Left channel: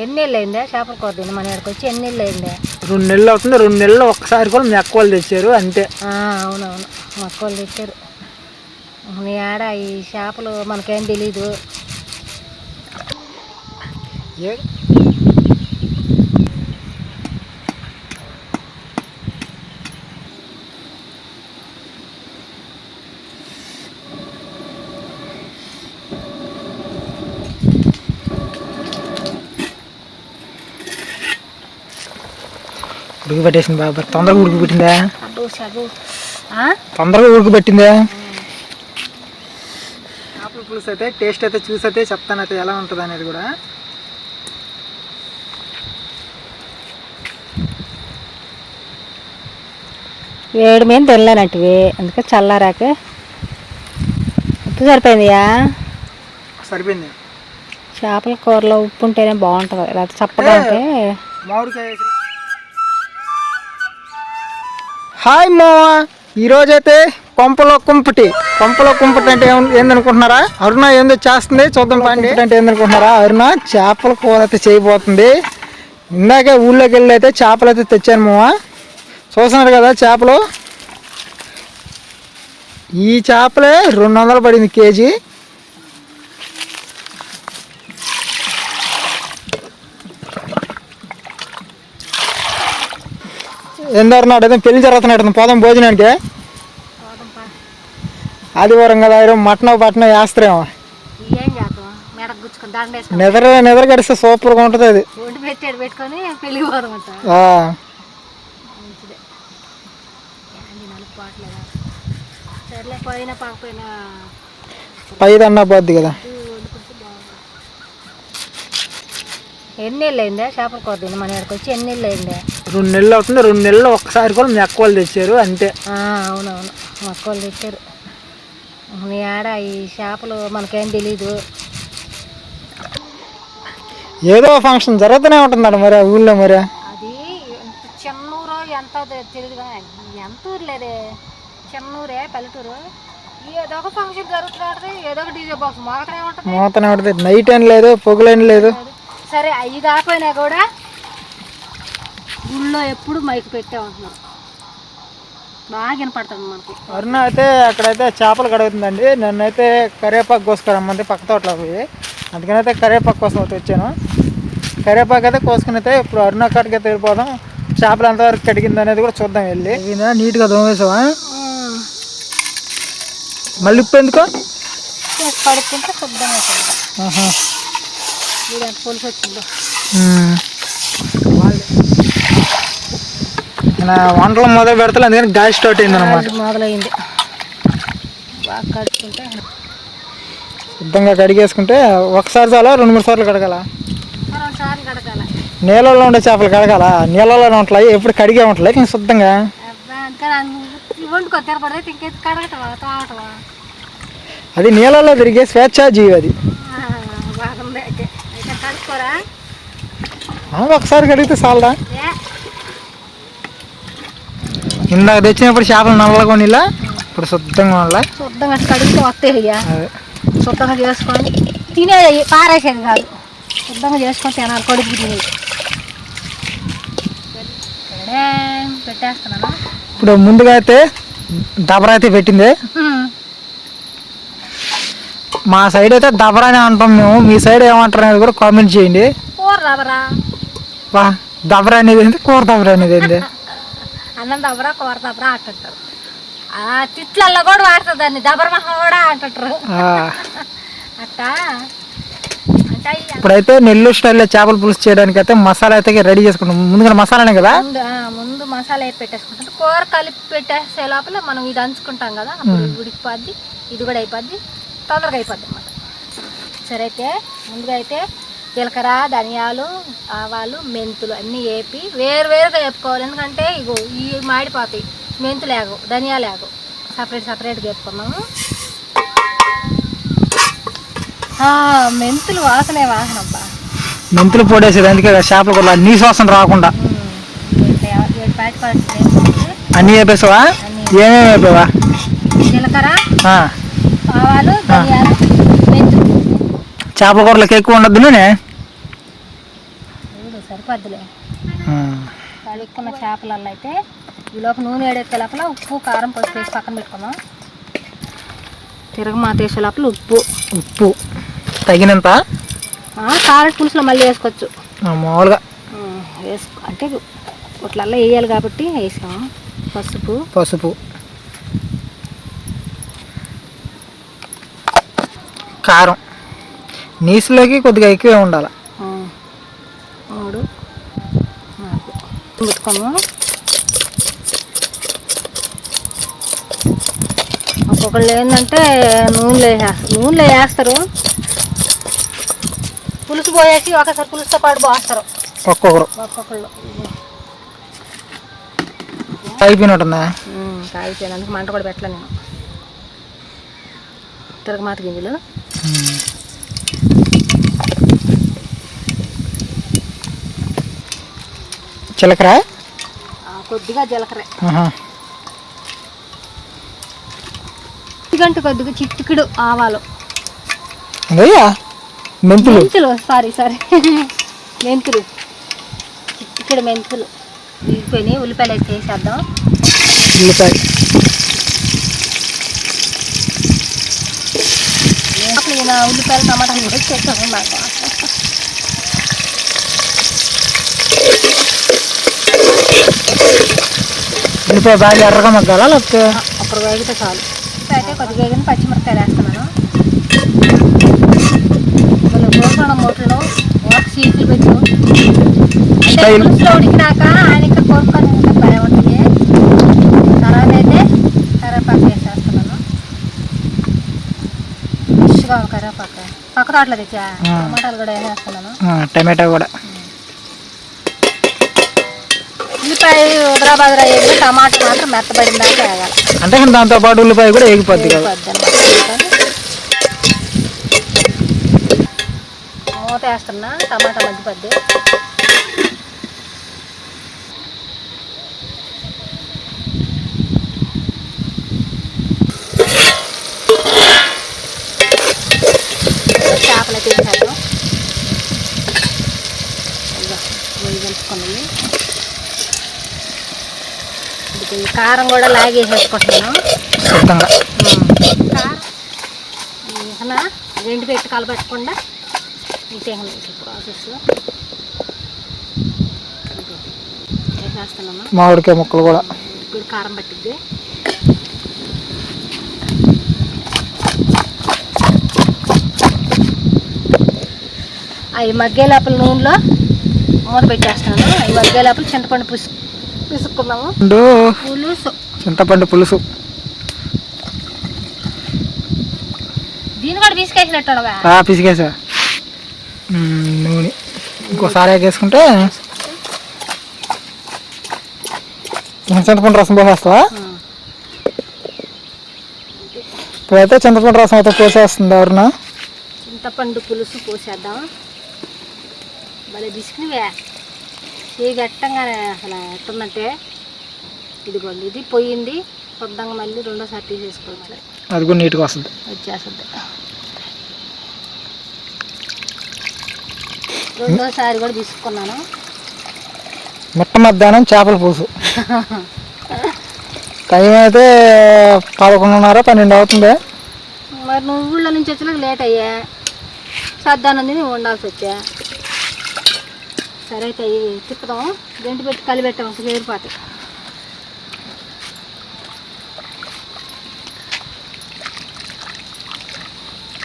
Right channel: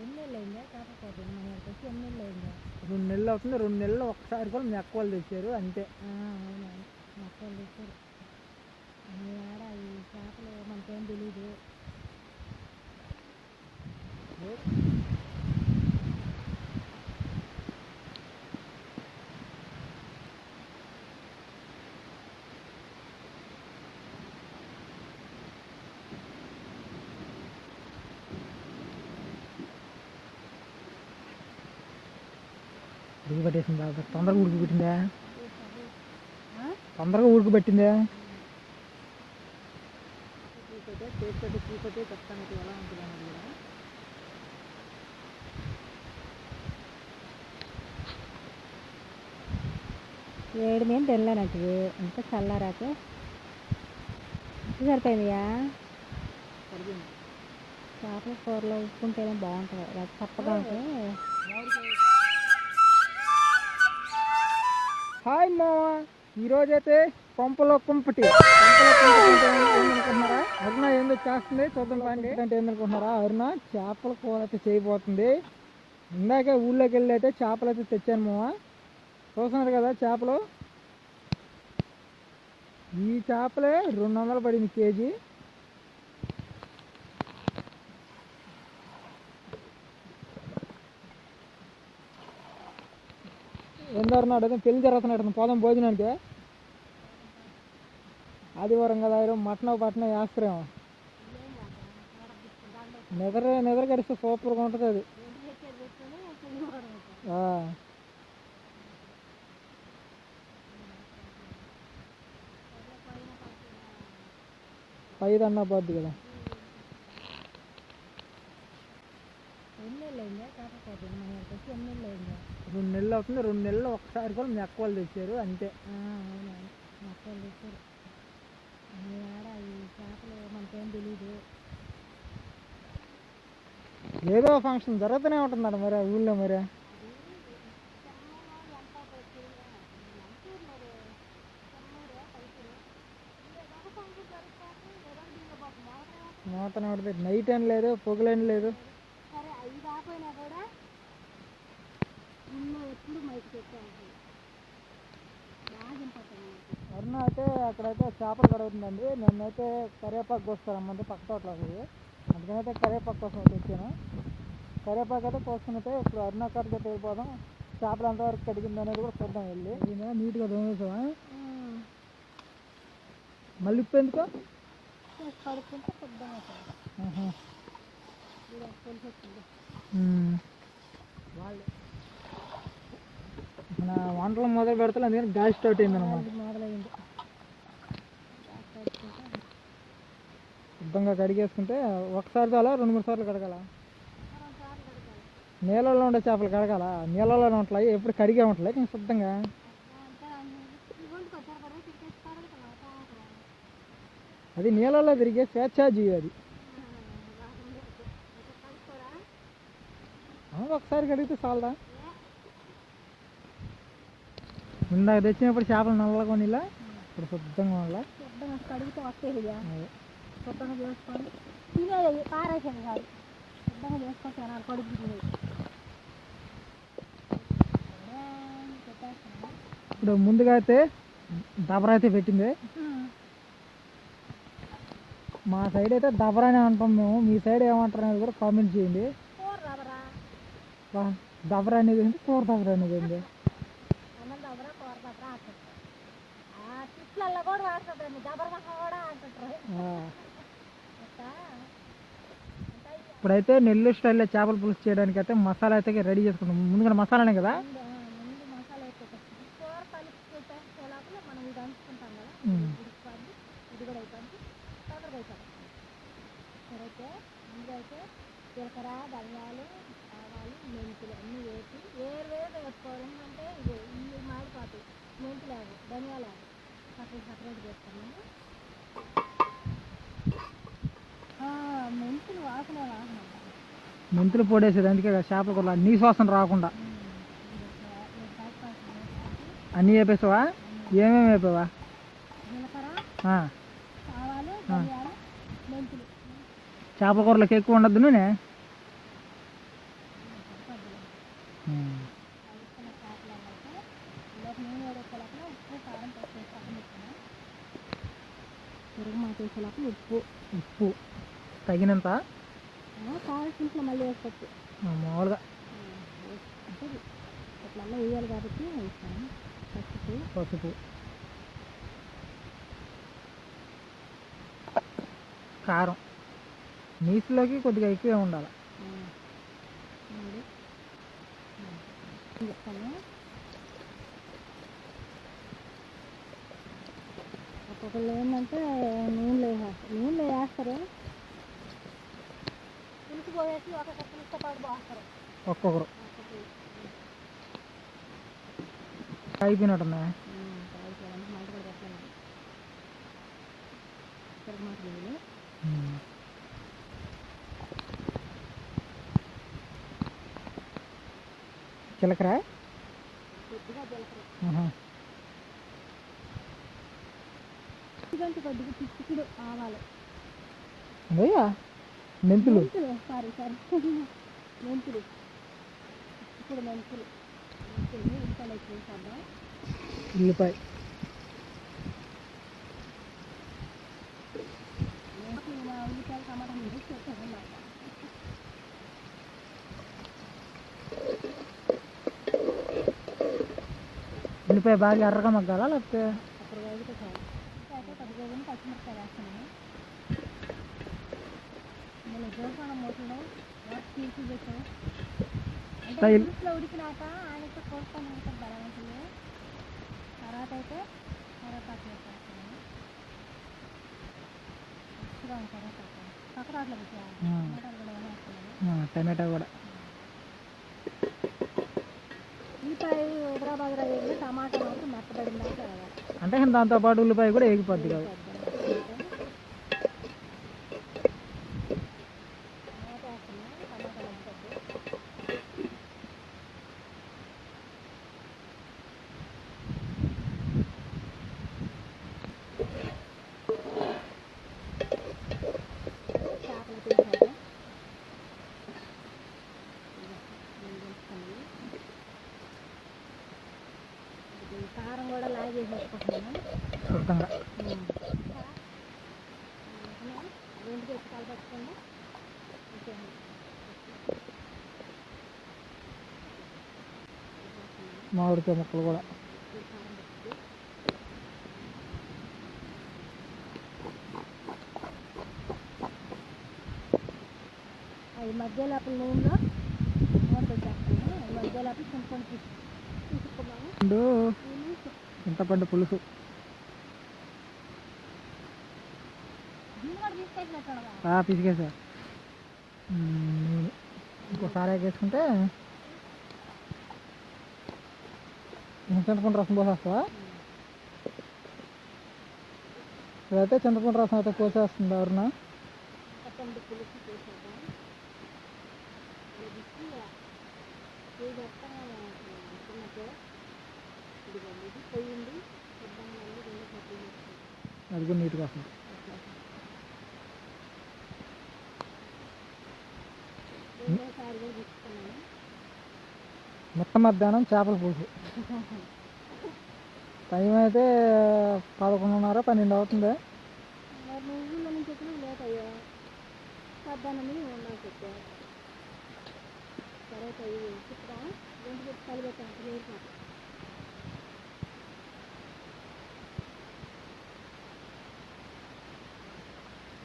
ఎన్ని నెలలు అయిందా చేపల కూర తిని మన ఇక్కడికి వచ్చి ఎన్ని నెలలు అయిందా? 2 నెలలు అవుతుంది. 2 నెలలు ఒక్కసారి కూడా మీ అక్క వాళ్ళు తెచ్చారు అంతే. అవునవును, మా అక్క వాళ్ళు తెచ్చారు. నీ ఆడ ఈ చేపలు మనకేం తెలీదు. ఉడికి పెట్టేసింది బాబా. తొందరగా ఉడికి పెట్టిందా? తొందరగా ఉడికి పెట్టిందా? చేపల పులుసు అయితే టేస్ట్ అయితే చూసి అయితే చెప్తాను అయితే ఎలా ఉంటుంది అనేది కూడా. వేడి మీద తినలేనట్టువి, అందుకే చల్లారాక ఉప్పు సరిపోయిందియా? సరిపోయింది. చేపల కూరలో ఉప్పు ఉంటేనే బాగుంటుంది, లేకపోతే చప్పగా ఉంటే. మామిడికాయ. హాయ్ మా, ఈరోజైతే కొంపలో కుంపటి అంటే ఏందనుకుంటున్నారా? అరుణ ఏందో చేస్తుంది చూద్దాం. పండి అంటే ఏందనుకుంటున్నారా? అరుణ చేపల కూర అయితే చేయబోతుంది. ఇందాకే ఊళ్ళోకి వెళ్ళి అయితే చేపలు అయితే తెచ్చాను మావా. చూస్తున్నారు కదా చేపలు. ఈ చేపలే 200 పడింది కేజీ. ఎందరున్నాడు అయితే పెళ్లి జరుగుతున్నాడు. పోదాం భోజనానికి. ఆదివారం కదా, మటన్ వేస్తారేమో. నిద్ర గడిస్తే సూపర్గా ఉంటుంది అది. పైదన్నా పోద్ది కదా. ఎన్ని నెలలు అయిందా చేపల కూర తిని మన ఇక్కడికి వచ్చి? ఎన్ని నెలలు అయిందా? 2 నెలలు అవుతుంది. 2 నెలలు ఒక్కసారి కూడా మీ అక్క వాళ్ళు తెచ్చారు అంతే. అవునవును, మా అక్క వాళ్ళు తెచ్చారు. నీ ఆడ ఈ చేపలు మనకేం తెలీదు. ఏదో ఫంక్షన్ జరుగుతూనే ఉంటుందండి మరి ఆ ఊళ్ళో. మరి అది చెన్నూరు ఎంత తెలియదు, ఎంత ఊరు లేదే, చెన్నూరే పల్లెటూరు. ఏదో ఒక ఫంక్షన్ జరుగుతుంది, ఏదో ఒక డీజే బాక్స్ మోతనే ఉంటుంది. నైట్ అని లేదు, పొగులని లేదు. సరే అవి కాకపోయినా కూడా ఊళ్ళో ఎప్పుడు మైక్ పెట్టే ఉంటున్నాం, బాగా వినపడుతుంది మనకి. అరుణ అయితే అక్కడైతే చేపలు కడుగుతుందండి. నన్నైతే కరివేపాకు కోసుకురమ్మంది పక్క తోటలో పోయి. అందుకనైతే కరివేపాకు కోసం అయితే వచ్చాను. కరివేపాకు అయితే కోసుకుని అయితే ఇప్పుడు అరుణ కాడికి అయితే వెళ్ళిపోదాం. చేపలు ఎంతవరకు కడిగింది అనేది కూడా చూద్దాం వెళ్ళి. నీట్గా దోమేసావా? మళ్ళీ ఉప్పు ఎందుకో కడుక్కుంటే శుద్ధంగా పులుసు వచ్చిందో. వంటలు మొదలు పెడతా, అందుకని గ్యాస్ స్టార్ట్ అయింది అనమాట. మొదలైంది. బాగా కడుక్కుంటే శుద్ధంగా కడిగేసుకుంటే ఒకసారి చాలా 2-3 సార్లు కడగాల. 2 సార్లు కడగాల. నీళ్ళలో ఉండే చేపలు కడగాల, నీళ్ళలో ఉంటాయి ఎప్పుడు కడిగే ఉంటాయి ఇంకా శుద్ధంగా. వండుకో తెరపడైతే ఇంకేది కడగటవా తాగటవా? అది నీళ్ళలో తిరిగే స్వేచ్ఛాజీవి అది. బాగుంది అయితే కడుక్కోరా. ఒకసారి కడిగితే చాలదా? ఇందాక తెచ్చినప్పుడు చేపలు నల్లగా నీళ్ళ, ఇప్పుడు శుద్ధంగా ఉండాలి. శుద్ధంగా కడిగితే వస్తాయి. శుద్ధంగా చేసుకొని తినేది, పారేసేది కాదు, శుద్ధంగా చేసుకొని తినాలి. కడుపు తినేది. పెట్టేస్తున్నాను. ఇప్పుడు ముందుగా అయితే దబరా అయితే పెట్టింది. మా సైడ్ అయితే దబరానే అంటాం మేము. మీ సైడ్ ఏమంటారు అనేది కూడా కామెంట్ చేయండి. కూర దబరా, దబరా అనేది ఏంటి, కూర దబరా అనేది ఏంటి? అన్నం దబరా, కూర దబరా అంటుంటారు. తిట్లల్లో కూడా వాడుతుంది దాన్ని, దబర మహా కూడా అంటుంటారు. అట్టా అంటే ఇప్పుడైతే నెల్లూరు స్టైల్లో చేపల పులుసు చేయడానికి అయితే మసాలా అయితే రెడీ చేసుకుంటాం. ముందుగా మసాలానే కదా, ముందు మసాలా వేసి పెట్టేసుకుంటాం. కూర కలిపి పెట్టేసే లోపల మనం ఇది అంచుకుంటాం కదా, అప్పుడు ఉడికిపోద్ది, ఇది కూడా అయిపోద్ది, తొందరగా అయిపోద్ది అన్నమాట. సరే అయితే ముందుగా అయితే జీలకర్ర, ధనియాలు, ఆవాలు, మెంతులు అన్నీ వేపి వేరువేరుగా వేపుకోవాలి. ఎందుకంటే ఇగో ఈ మాడిపోతాయి. మెంతులు వేగవు, ధనియాలు వేగవు, సపరేట్గా వేపుకున్నాము. మెంతులు వాసన అబ్బా. మెంతులు పొడేసేది అందుకే చేపల కూర నీ వాసన రాకుండా. అన్నీ వేపేసావా? ఏమేమి వేపావా? జీలకర్ర, ఆవాలు, ధనియాలు, మెంతులు. చేపల కూరలకు ఎక్కువ ఉండద్దు నూనె. అయిపోద్దిలే. కడుక్కున్న చేపలలో అయితే ఈ లోపల నూనె వేడెక్కే లోపల ఉప్పు కారం పసుపు వేసి పక్కన పెట్టుకున్నాం. తిరగమాత వేసే లోపల ఉప్పు తగినంత. కారం పులుసులో మళ్ళీ వేసుకోవచ్చు మామూలుగా అంటే ఇట్లల్లో వేయాలి కాబట్టి వేసాము. పసుపు కారం నీసులోకి కొద్దిగా ఎక్కువే ఉండాలి. 3 4 పెట్టుకోము. ఒక్కొక్కళ్ళు ఏంటంటే నూనెలో వేస్తారు, పులుసు పోయేసి ఒకసారి పులుసుతో పాటు పోస్తారు ఒక్కొక్కళ్ళు. అయిపోయినట్టుందా? అయిపోయినందుకు మంట కూడా పెట్టలే నేను. తిరగమాత గింజలు జీలకర్ర కొద్దిగా కొద్దిగా చిటికెడు ఆవాలు, మెంతులు చిటికెడు మెంతులు తీసుకొని ఉల్లిపాయలు వేసి వేసేద్దాం. ఉల్లిపాయలు టమాటాలు కూడా చేస్తాను బాగా. ఉల్లిపాయ బాగా ఎర్రగా మగ్గాలా లేకపోతే అప్పుడు వేగితే చాలు. అయితే కొద్దిగా వేగిన పచ్చిమిరపకాయలు వేస్తున్నాను. కోరుకోవడం మూటలో సీట్లు పెట్టు అంటే పులుసులో ఉడికినాక ఆయన ఇక్కడ కోరుకొని భయం ఉంటుంది. తర్వాత అయితే కరివేపాకు వేసేస్తున్నాను. ఫ్రెష్గా కరివేపాకు పక్క తోటలో తెచ్చా. టమాటాలు కూడా వేసేస్తున్నాను. టమాటా కూడా. ఉల్లిపాయ ఉదరాబాదరా వేయాలి, టమాటా మాత్రం మెత్తబడిన దాకా వేయాలి. అంటే దాంతో పాటు ఉల్లిపాయ కూడా వేగిపోద్ది కదా. మూత వేస్తున్నా, టమాటా మగ్గిపోద్ది. చేపలు తీసేద్దాం. కలుపుకున్నాయి. కారం కూడా లాగేసేసుకుంటున్నాను. కారం రెండు పెట్టి కలపెట్టకుండా ఇంతే ప్రాసెస్లో వేసేస్తున్నాను. మామిడికాయ ముక్కలు కూడా ఇప్పుడు కారం పట్టిద్ది. అవి మగ్గే లోపల నూనెలో మూత పెట్టేస్తాను. అవి మగ్గే లోపల చింతపండు పిసుక్కున్నాము. చింతపండు పులుసు దీన్ని కూడా పిసికేసినట్టు పిసికేసా. నూనె ఇంకోసారి వేసుకుంటే చింతపండు రసం పోసేస్తావా? ఇప్పుడైతే చింతపండు రసం అయితే పోసేస్తుంది. ఎవరన్నా చింతపండు పులుసు పోసేద్దాం. భలే బిసికినవే ఏ గట్టంగానే అసలు ఎట్టున్నట్టే. ఇదిగోండి, ఇది పోయింది. కొద్దంగా మళ్ళీ రెండోసారి తీసేసుకోవాలి. అది కూడా నీట్గా వస్తుంది, వచ్చేస్తుంది. రెండోసారి కూడా తీసుకున్నాను. మిట్ట మధ్యాహ్నం చేపల పులుసు. టైం అయితే 11:30 12 అవుతుంది. మరి నువ్వు ఊళ్ళో నుంచి వచ్చేలాగా లేట్ అయ్యా. సద్దానం తిని వండాల్సి వచ్చా. సరే అయితే తిప్పుదాం. గంటి పెట్టి కలిపెట్టాం అసలు ఏర్పాటు.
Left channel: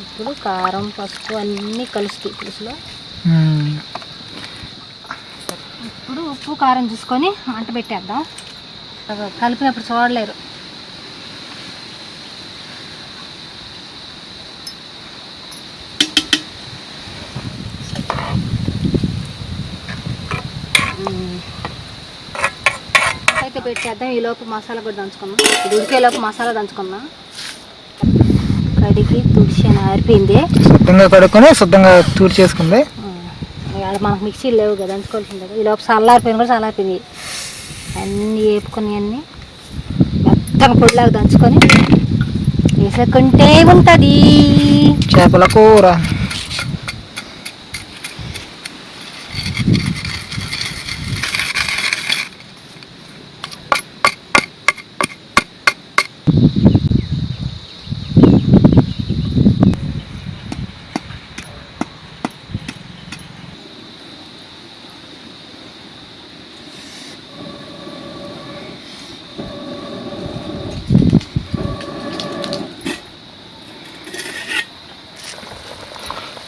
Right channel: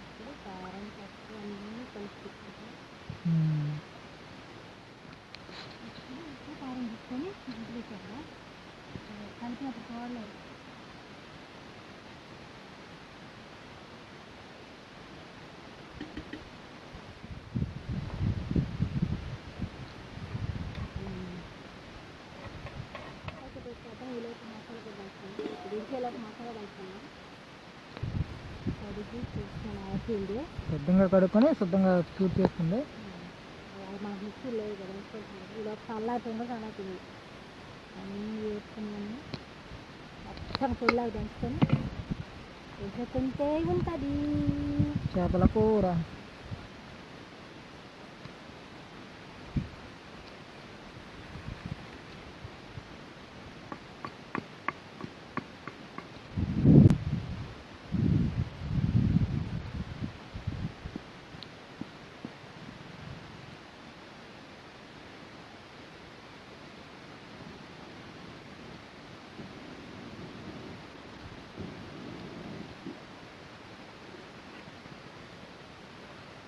ఇప్పుడు కారం పసుపు అన్నీ కలుస్తాయి పులుసులో. ఇప్పుడు ఉప్పు కారం చూసుకొని మంట పెట్టేద్దాం. కలిపినప్పుడు చూడలేరు. అయితే పెట్టేద్దాం. ఈలోపు మసాలా కూడా దంచుకున్నాం. ఇది ఉడికేలోపు మసాలా దంచుకున్నాం. కడిగి తుడిచి ఆరిపోయింది. శుద్ధంగా కడుక్కొని శుద్ధంగా తూడి చేసుకుంది. మనకు మిక్సీలు లేవు కదా, దంచుకోవాల్సింది కదా. ఈలోపు చల్లారిపోయింది కూడా చల్లారిపోయింది. అన్నీ వేపుకొని అన్నీ మెత్తగా పొడిలాగా దంచుకొని వేసుకుంటే ఉంటుంది చేపల కూర.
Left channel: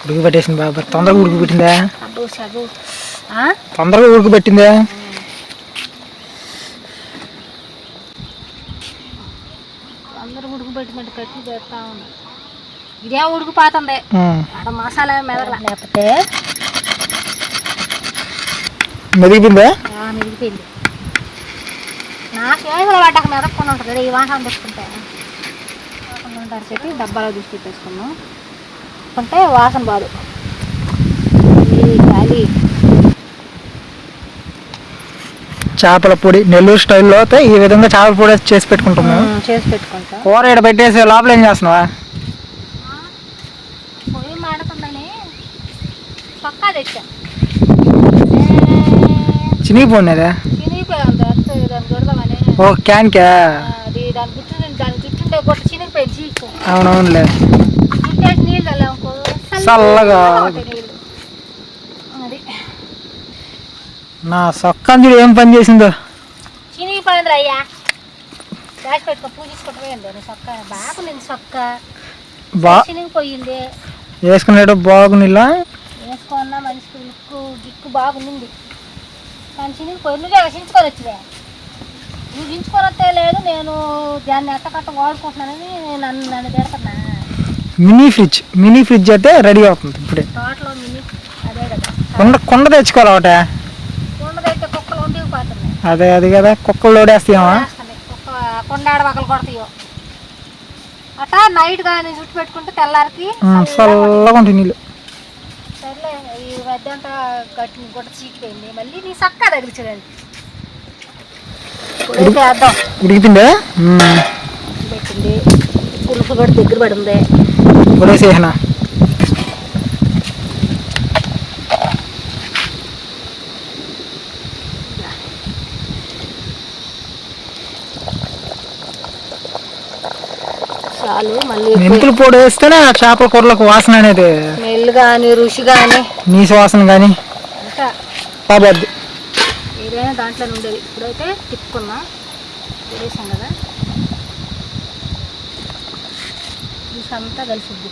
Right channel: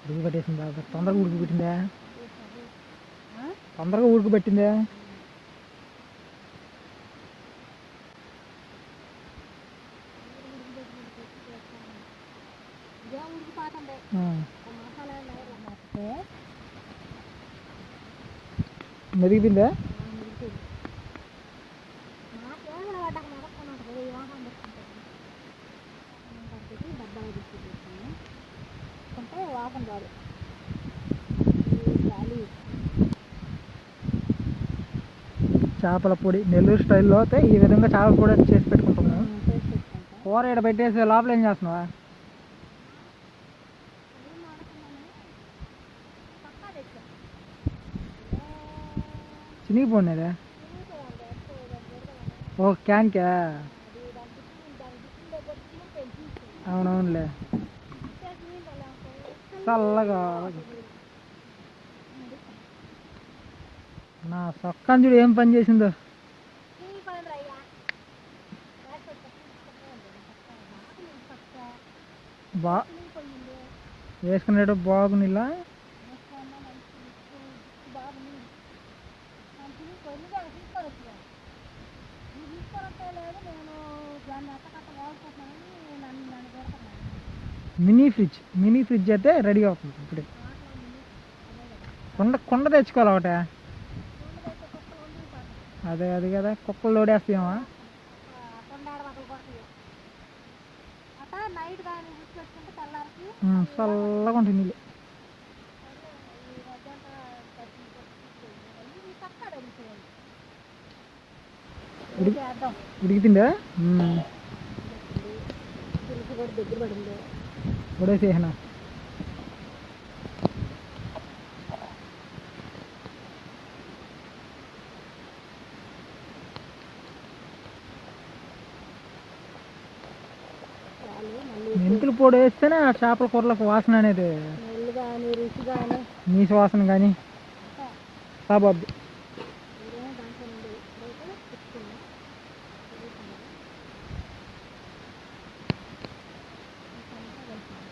ఉడుకు పెట్టేసింది బాబా, తొందరగా ఉడుకు పెట్టిందా? అబ్బో సబ్బు తొందరగా ఉడుకు పెట్టిందా? అందరూ ఉడుకు పెట్టినట్టు కట్టి చేస్తా ఉన్నా. ఇదే ఉడికిపోతుంది అక్కడ మసాలా మెదగల, లేకపోతే మెదిగిపోయిందా? మెదిగిపోయింది. నా చేతులు పడ్డాక మెదక్కుండా ఉంటుంది ఈ వాసన తెచ్చుకుంటే. ఉంటారు చెప్పి డబ్బాలో తీసి పెట్టేసుకున్నాం అంటే వాసన బాదు. గాలి చేపల పొడి నెల్లూరు స్టైల్లో అయితే ఈ విధంగా చేపల పొడి చేసి పెట్టుకుంటాము. చేసి పెట్టుకుంటాం. కూర ఇక్కడ పెట్టేసి లోపల ఏం చేస్తున్నావా? పొయ్యి మాడుతుందని పక్కా తెచ్చా. చినిగిపోయినదా? చినిగిపోయింది అంతే, దాన్ని కొడదామని. ఓ క్యాన్కా? అది దాని చుట్టుండే గొట్ట చినిగిపోయింది చీకు. అవునవునులే. చుట్టేసి నీళ్ళు చల్లామనుకో చల్లగా నీళ్ళు. అది నా సొక్కంజుడు ఏం పని చేసిందో. చినిగిపోయింది అయ్యా, దాచి పెట్టుకో, పూజించుకుంటూ సొక్క బాగుంది. సొక్క చినిగిపోయింది, వేసుకునేట బాగునిలా వేసుకున్నా మనిషికి గిక్కు బాగుంది. కానీ చినిగిపోయి నువ్వే చించుకొని వచ్చివే. నువ్వు చించుకొని వస్తే లేదు, నేను దాన్ని ఎట్టకట్ట వాడుకుంటున్నానని నన్ను తిడతానా. మినీ ఫ్రిడ్జ్ అయితే రెడీ అవుతుంది ఇప్పుడే. తోటలో మినీ అదే కదా, కొండ తెచ్చుకోవాలి ఒకటే. కొండదైతే కుక్కలు ఉండిపోతున్నాయి. అదే అది కదా, కుక్కలు లోడేస్తాయా? కొండ ఆడవకలు కొడతాయో అట్ట. నైట్ కానీ చుట్టు పెట్టుకుంటే తెల్లారికి చల్లగా ఉంటాయి నీళ్ళు. సర్లే, ఈ మధ్య అంతా గుట్ట చీకిపోయింది, మళ్ళీ నీ చక్క తగిలించడండి. వేద్దాం. ఉడికిపోయిందా? పెట్టింది పులుసు కూడా దగ్గర పడింది. ఉడేసేనా? చాలు. మళ్ళీ మెంతులు పొడి వేస్తేనే ఆ చేపల కూరలకు వాసన అనేది, స్మెల్ కానీ రుచి కానీ నీసు వాసన కానీ ఇంకా కాబద్ది. ఏదైనా దాంట్లో ఉండేది. ఇప్పుడైతే తిప్పుకున్నా వేసాం కదా, రుచి అంతా కలిసిద్ది.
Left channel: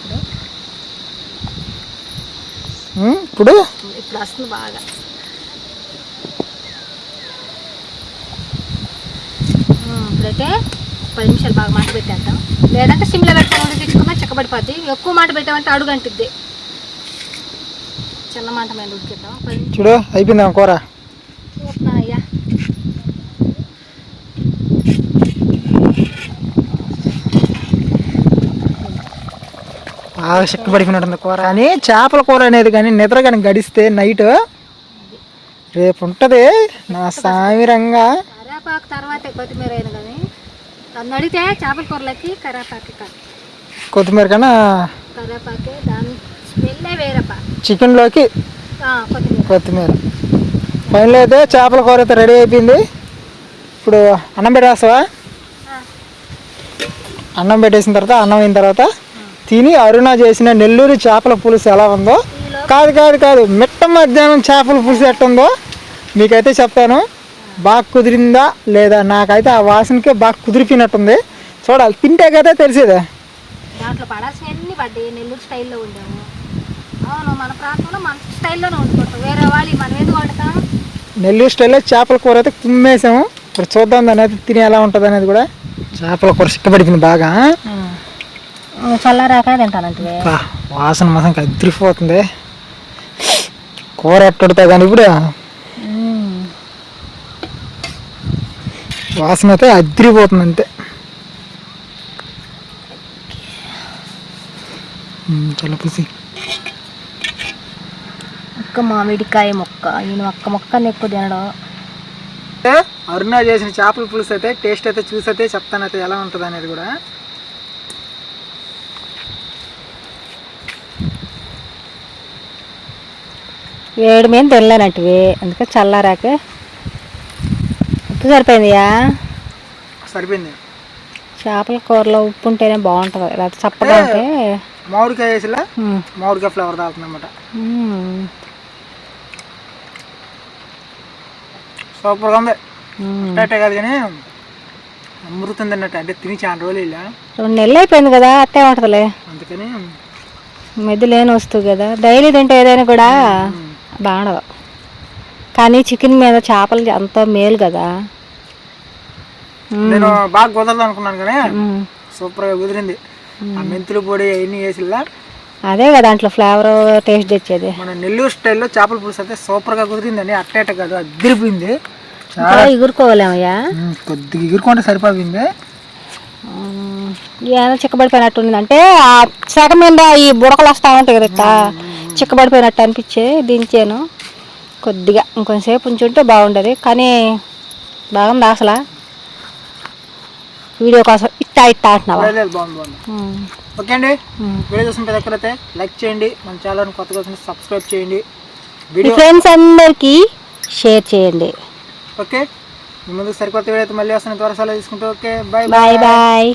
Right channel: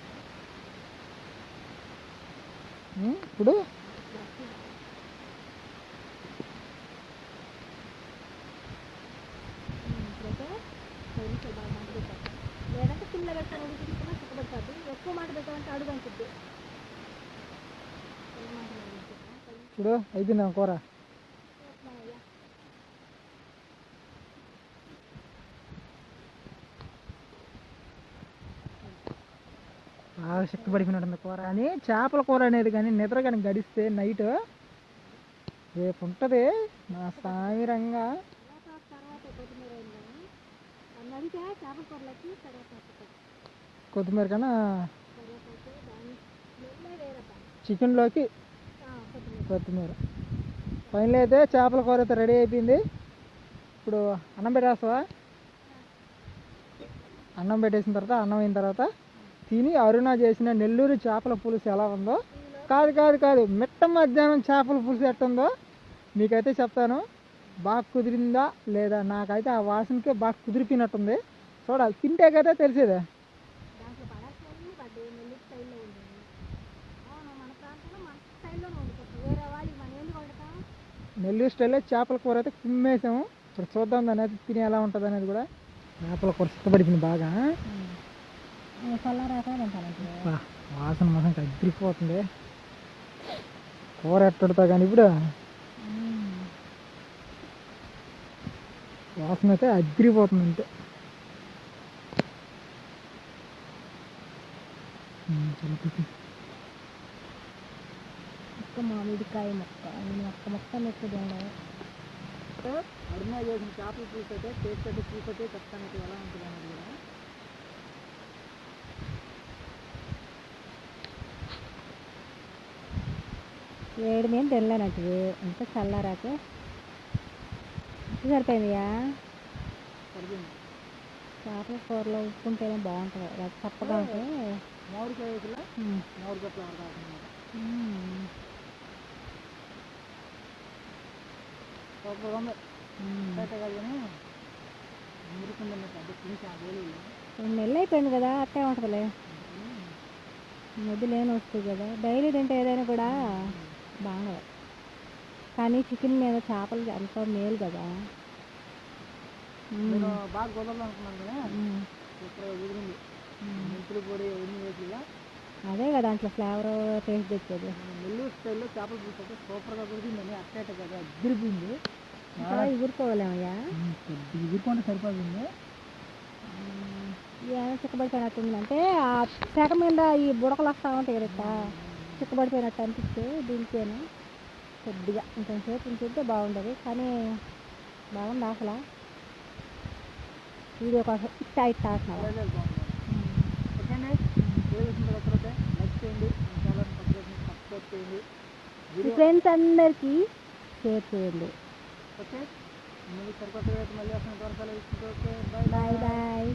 ఇప్పుడు వస్తుంది బాగా. ఇప్పుడైతే 10 నిమిషాలు బాగా మాట పెట్టేద్దాం, లేదంటే సిమ్లో పెట్టుకొని తెచ్చుకున్నా చిక్కబడిపోద్ది. ఎక్కువ మాట పెట్టామంటే అడుగు అంటిద్ది. చిన్న మాట మీద ఉడికిద్దాం. చూడు అయిపోయిందా కూర? చూస్తున్నా అయ్యా. బాగా చిక్కబడిపోయినట్టుంది కూర. కానీ చేపల కూర అనేది కానీ నిద్ర కానీ గడిస్తే నైట్ రేపు ఉంటుంది నా సామిరంగా. కరేపాకు తర్వాతే కొత్తిమీర అయిన కానీ నన్ను అడిగితే చేపల కూరలకి కరేపాకు కాదు, కొత్తిమీర కన్నా కరేపాకే, దాని స్మెల్లే వేరప్ప. చికెన్లోకి కొత్తిమీర. ఫైనల్ అయితే చేపల కూర అయితే రెడీ అయిపోయింది. ఇప్పుడు అన్నం పెట్టేస్తావా? అన్నం పెట్టేసిన తర్వాత, అన్నం అయిన తర్వాత తిని అరుణ చేసిన నెల్లూరు చేపల పులుసు ఎలా ఉందో, కాదు మిట్ట మధ్యాహ్నం చేపల పులుసు ఎట్టుందో మీకైతే చెప్తాను. బాగా కుదిరిందా లేదా? నాకైతే ఆ వాసనకే బాగా కుదిరిపోయినట్టుంది. చూడాలి, తింటే కదా తెలిసేదే. దాంట్లో పడాల్సినవన్నీ పడ్డాయి. నెల్లూరు స్టైల్లో వండాము. అవును, మన ప్రాంతంలో మన స్టైల్లోనే వండుకుంటాం. వేరే వాళ్ళు మనం ఎందుకు వండుతాం? నెల్లూరు స్టైల్లో చేపల కూర అయితే కుమ్మేసాము. ఇప్పుడు చూద్దాం దాని అయితే తిని ఎలా ఉంటుంది అనేది కూడా. చేపల కూర చిక్కబడిపోయింది బాగా. చల్లారాక తింటానంటే వాసన మాత్రం అదిరిపోతుంది. కూర ఎట్టుడుతా కానీ ఇప్పుడు వాసన అయితే అదిరిపోతుంది అంతే. చాలా పుసి ఒక్క మామిడికాయ మొక్క, నేను ఒక్క మొక్కని ఎక్కువ తినడం. అరుణ చేసిన చేపల పులుసు అయితే టేస్ట్ అయితే చూసి అయితే చెప్తాను అయితే ఎలా ఉంటుంది అనేది కూడా. వేడి మీద తినలేనట్టువి, అందుకే చల్లారాక. ఉప్పు సరిపోయిందియా? సరిపోయింది. చేపల కూరలో ఉప్పు ఉంటేనే బాగుంటుంది, లేకపోతే చప్పగా ఉంటే. మామిడికాయ వేసిలా మామిడికాయ ఫ్లేవర్ తాగుతుంది అన్నమాట. సూపర్గా ఉంది. అట్టే కాదు కానీ అమృతుంది అన్నట్టు. అంటే తిని చాలా రోజులు ఇలా 2 నెలలు అయిపోయింది కదా, అట్టే ఉంటుందిలే. అందుకని మెద్దు లేని వస్తువు కదా, డైలీ తింటే ఏదైనా కూడా బాగుండదు. కానీ చికెన్ మీద చేపలు అంత మేలు కదా. నేను బాగా కుదరదు అనుకున్నాను కానీ సూపర్గా కుదిరింది. ఆ మెంతులు పొడి అవన్నీ వేసిల్లా, అదే కదా దాంట్లో ఫ్లేవర్ టేస్ట్ తెచ్చేది. మన నెల్లూరు స్టైల్లో చేపల పులుసు అయితే సూపర్గా కుదిరిందండి. అట్టేట కాదు, అదిరిపోయింది. ఎగురుకోవాలేమయ్యా, కొద్దిగా ఎగురుకుంటే సరిపోయింది. ఏదో చిక్కబడిపోయినట్టు ఉంది. అంటే ఆ శాఖ మీద ఈ బుడకలు వస్తూ ఉంటాయి కదా, ఇట్లా చిక్కబడిపోయినట్టు అనిపించే దించాను. కొద్దిగా ఇంకొంచెంసేపు ఉంచుంటే బాగుండేది, కానీ బాగుంది అసలు. వీడియో కోసం ఇట్టా అంటున్నావా? బాగుంది. ఓకే అండి, వీడియో చూసిన ప్రతి ఒక్కరైతే లైక్ చేయండి, మన ఛానల్ కొత్తగా సబ్స్క్రైబ్ చేయండి, వీడియో ఫ్రెండ్స్ అందరికీ షేర్ చేయండి. ఓకే, ముందుకు సరికొత్త వీడియో అయితే మళ్ళీ వస్తాను. త్వరగా తీసుకుంటే ఓకే, బాయ్ బాయ్ బాయ్.